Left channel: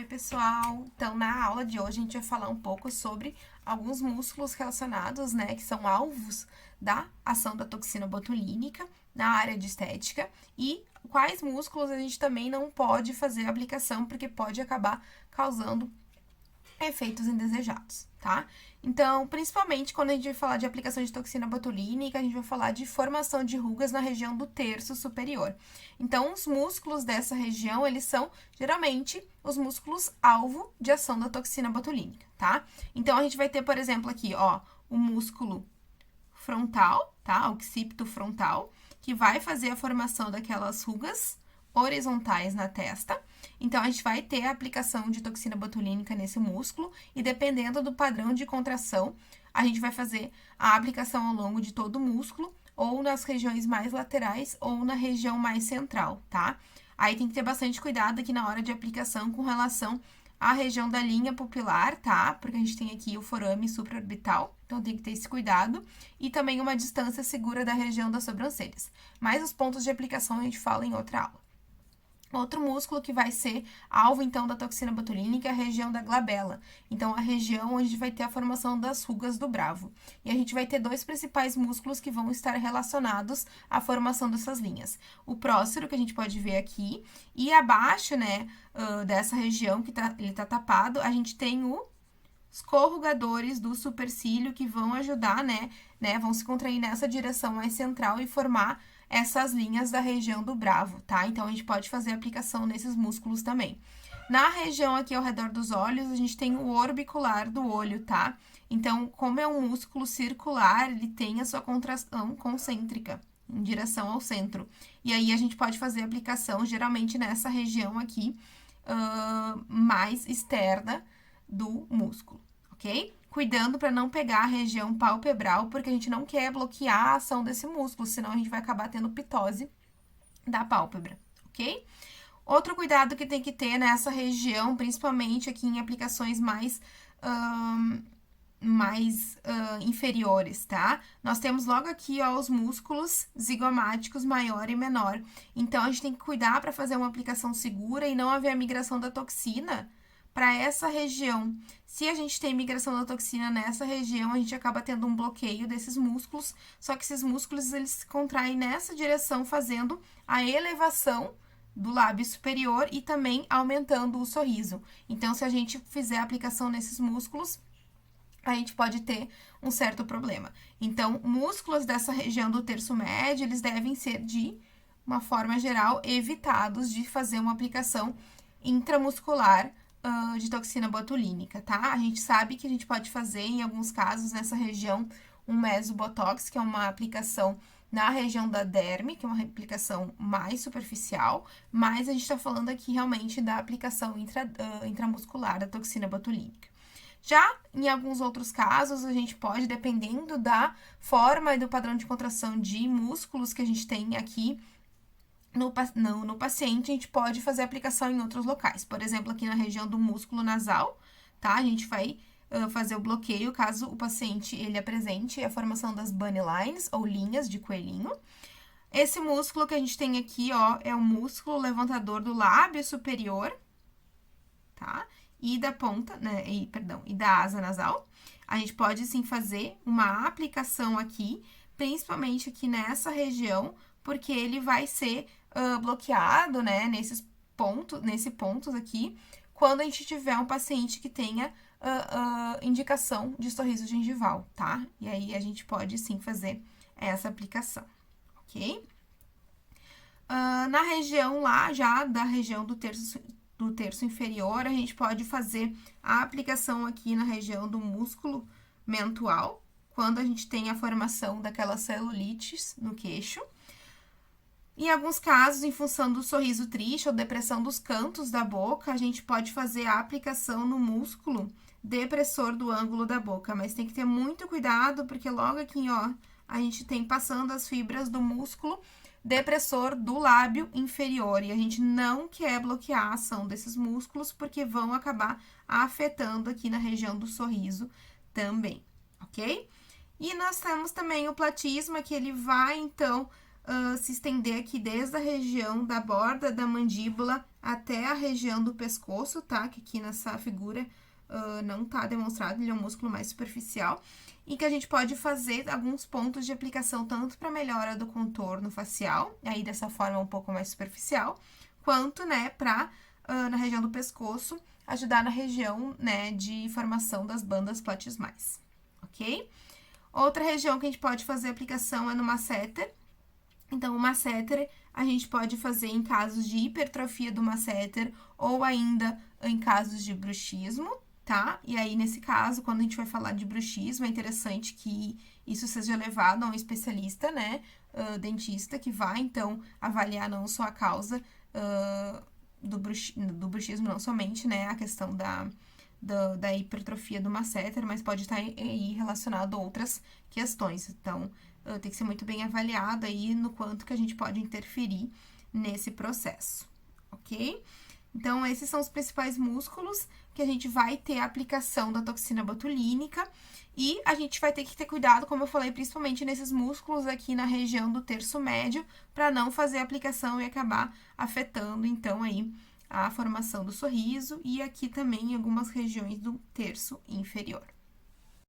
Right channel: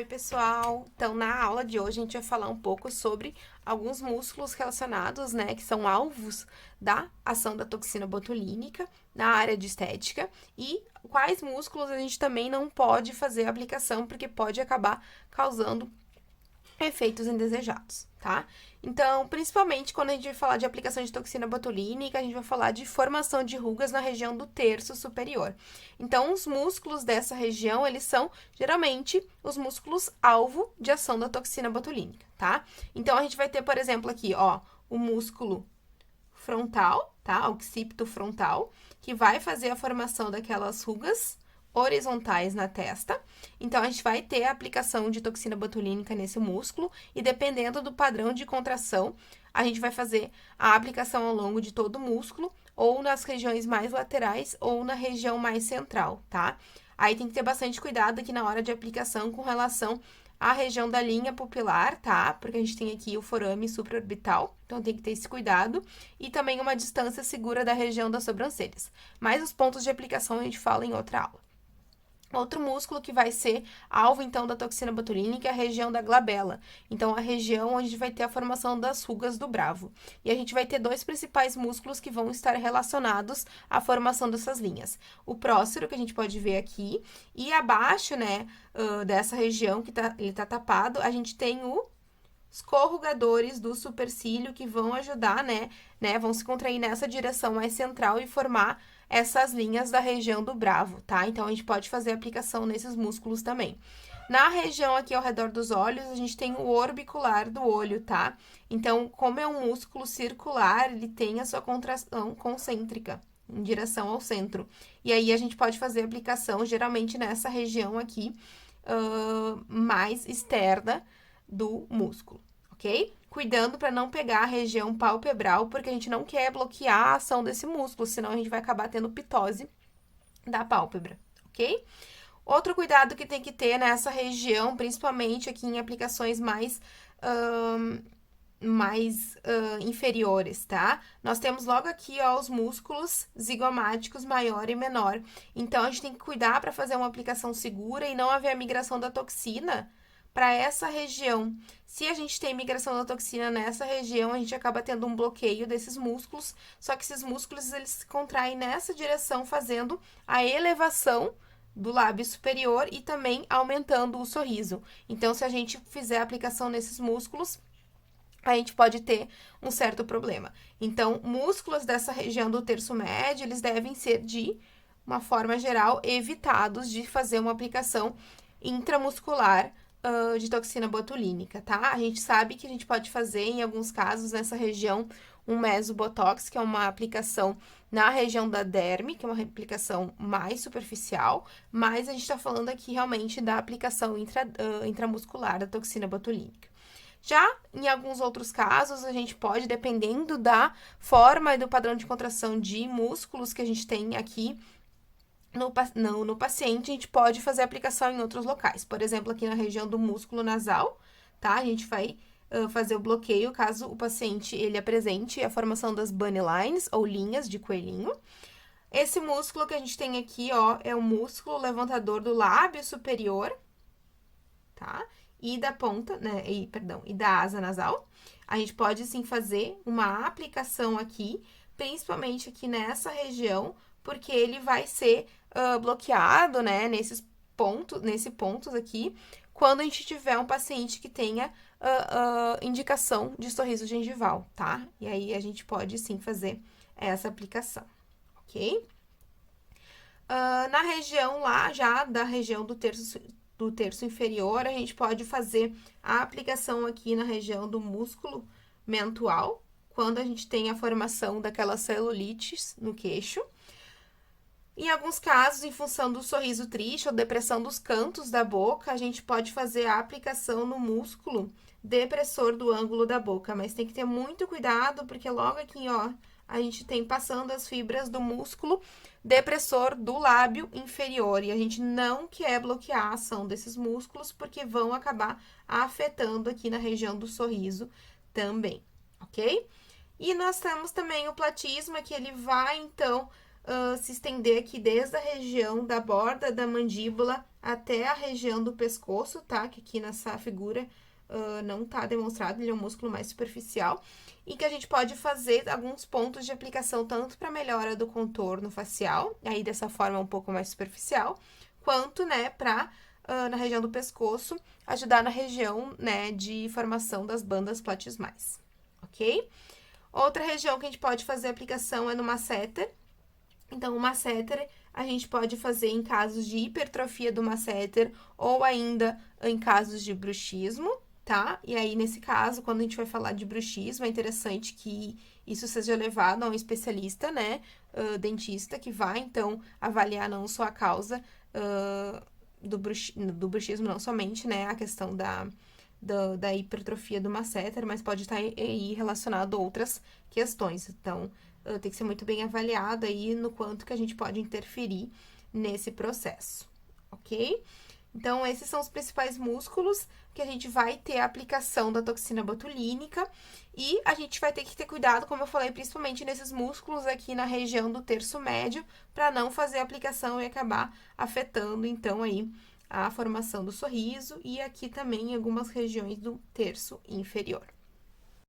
Oi, pessoal! Então, na aula de hoje, a gente vai falar um pouco sobre alguns músculos relacionados, né, que são alvos da ação da toxina botulínica na área de estética e quais músculos a gente também não pode fazer a aplicação porque pode acabar causando efeitos indesejados, tá? Então, principalmente quando a gente vai falar de aplicação de toxina botulínica, a gente vai falar de formação de rugas na região do terço superior. Então, os músculos dessa região, eles são geralmente os músculos alvo de ação da toxina botulínica, tá? Então, a gente vai ter, por exemplo, aqui, ó, o músculo frontal, tá? Occipito frontal, que vai fazer a formação daquelas rugas horizontais na testa. Então, a gente vai ter a aplicação de toxina botulínica nesse músculo e dependendo do padrão de contração, a gente vai fazer a aplicação ao longo de todo o músculo ou nas regiões mais laterais ou na região mais central, tá? Aí tem que ter bastante cuidado aqui na hora de aplicação com relação à região da linha pupilar, tá? Porque a gente tem aqui o forame supraorbital, então tem que ter esse cuidado. E também uma distância segura da região das sobrancelhas. Mas os pontos de aplicação a gente fala em outra aula. Outro músculo que vai ser alvo, então, da toxina botulínica é a região da glabela. Então, a região onde vai ter a formação das rugas do bravo. E a gente vai ter dois principais músculos que vão estar relacionados à formação dessas linhas. O prócero, que a gente pode ver aqui, e abaixo, né, dessa região que ele tá tapado, a gente tem os corrugadores do supercílio que vão ajudar, né, vão se contrair nessa direção mais central e formar essas linhas da região do bravo, tá? Então, a gente pode fazer aplicação nesses músculos também. Na região aqui ao redor dos olhos, a gente tem o orbicular do olho, tá? Então, como é um músculo circular, ele tem a sua contração concêntrica, em direção ao centro. E aí, a gente pode fazer aplicação, geralmente, nessa região aqui, mais externa do músculo, ok? Cuidando para não pegar a região palpebral, porque a gente não quer bloquear a ação desse músculo, senão a gente vai acabar tendo pitose da pálpebra, ok? Outro cuidado que tem que ter nessa região, principalmente aqui em aplicações mais inferiores, tá? Nós temos logo aqui, ó, os músculos zigomáticos maior e menor. Então, a gente tem que cuidar para fazer uma aplicação segura e não haver a migração da toxina para essa região. Se a gente tem migração da toxina nessa região, a gente acaba tendo um bloqueio desses músculos, só que esses músculos, eles se contraem nessa direção, fazendo a elevação do lábio superior e também aumentando o sorriso. Então, se a gente fizer a aplicação nesses músculos, a gente pode ter um certo problema. Então, músculos dessa região do terço médio, eles devem ser, de uma forma geral, evitados de fazer uma aplicação intramuscular de toxina botulínica, tá? A gente sabe que a gente pode fazer, em alguns casos, nessa região, um mesobotox, que é uma aplicação na região da derme, que é uma aplicação mais superficial, mas a gente tá falando aqui realmente da aplicação intramuscular da toxina botulínica. Já em alguns outros casos, a gente pode, dependendo da forma e do padrão de contração de músculos que a gente tem aqui no paciente, a gente pode fazer aplicação em outros locais. Por exemplo, aqui na região do músculo nasal, tá? A gente vai fazer o bloqueio caso o paciente ele apresente a formação das bunny lines, ou linhas de coelhinho. Esse músculo que a gente tem aqui, ó, é o músculo levantador do lábio superior, tá? E da ponta, né, e da asa nasal. A gente pode, sim, fazer uma aplicação aqui, principalmente aqui nessa região, porque ele vai ser bloqueado, né, nesses pontos aqui, quando a gente tiver um paciente que tenha indicação de sorriso gengival, tá? E aí, a gente pode, sim, fazer essa aplicação, ok? Na região lá, já da região do terço inferior, a gente pode fazer a aplicação aqui na região do músculo mentual, quando a gente tem a formação daquelas celulites no queixo. Em alguns casos, em função do sorriso triste ou depressão dos cantos da boca, a gente pode fazer a aplicação no músculo depressor do ângulo da boca, mas tem que ter muito cuidado, porque logo aqui, ó, a gente tem passando as fibras do músculo depressor do lábio inferior, e a gente não quer bloquear a ação desses músculos, porque vão acabar afetando aqui na região do sorriso também, ok? E nós temos também o platisma, que ele vai, então, se estender aqui desde a região da borda da mandíbula até a região do pescoço, tá? Que aqui nessa figura não tá demonstrado, ele é um músculo mais superficial. E que a gente pode fazer alguns pontos de aplicação tanto para melhora do contorno facial, aí dessa forma um pouco mais superficial, quanto, né, na região do pescoço, ajudar na região, né, de formação das bandas platismais, ok? Outra região que a gente pode fazer aplicação é no masseter. Então, o masseter a gente pode fazer em casos de hipertrofia do masseter ou ainda em casos de bruxismo, tá? E aí, nesse caso, quando a gente vai falar de bruxismo, é interessante que isso seja levado a um especialista, né? Dentista, que vai, então, avaliar não só a causa do bruxismo, não somente, né? A questão da hipertrofia do masseter, mas pode estar aí relacionado a outras questões. Então, tem que ser muito bem avaliado aí no quanto que a gente pode interferir nesse processo, ok? Então, esses são os principais músculos que a gente vai ter a aplicação da toxina botulínica e a gente vai ter que ter cuidado, como eu falei, principalmente nesses músculos aqui na região do terço médio, para não fazer a aplicação e acabar afetando, então, aí a formação do sorriso e aqui também em algumas regiões do terço inferior.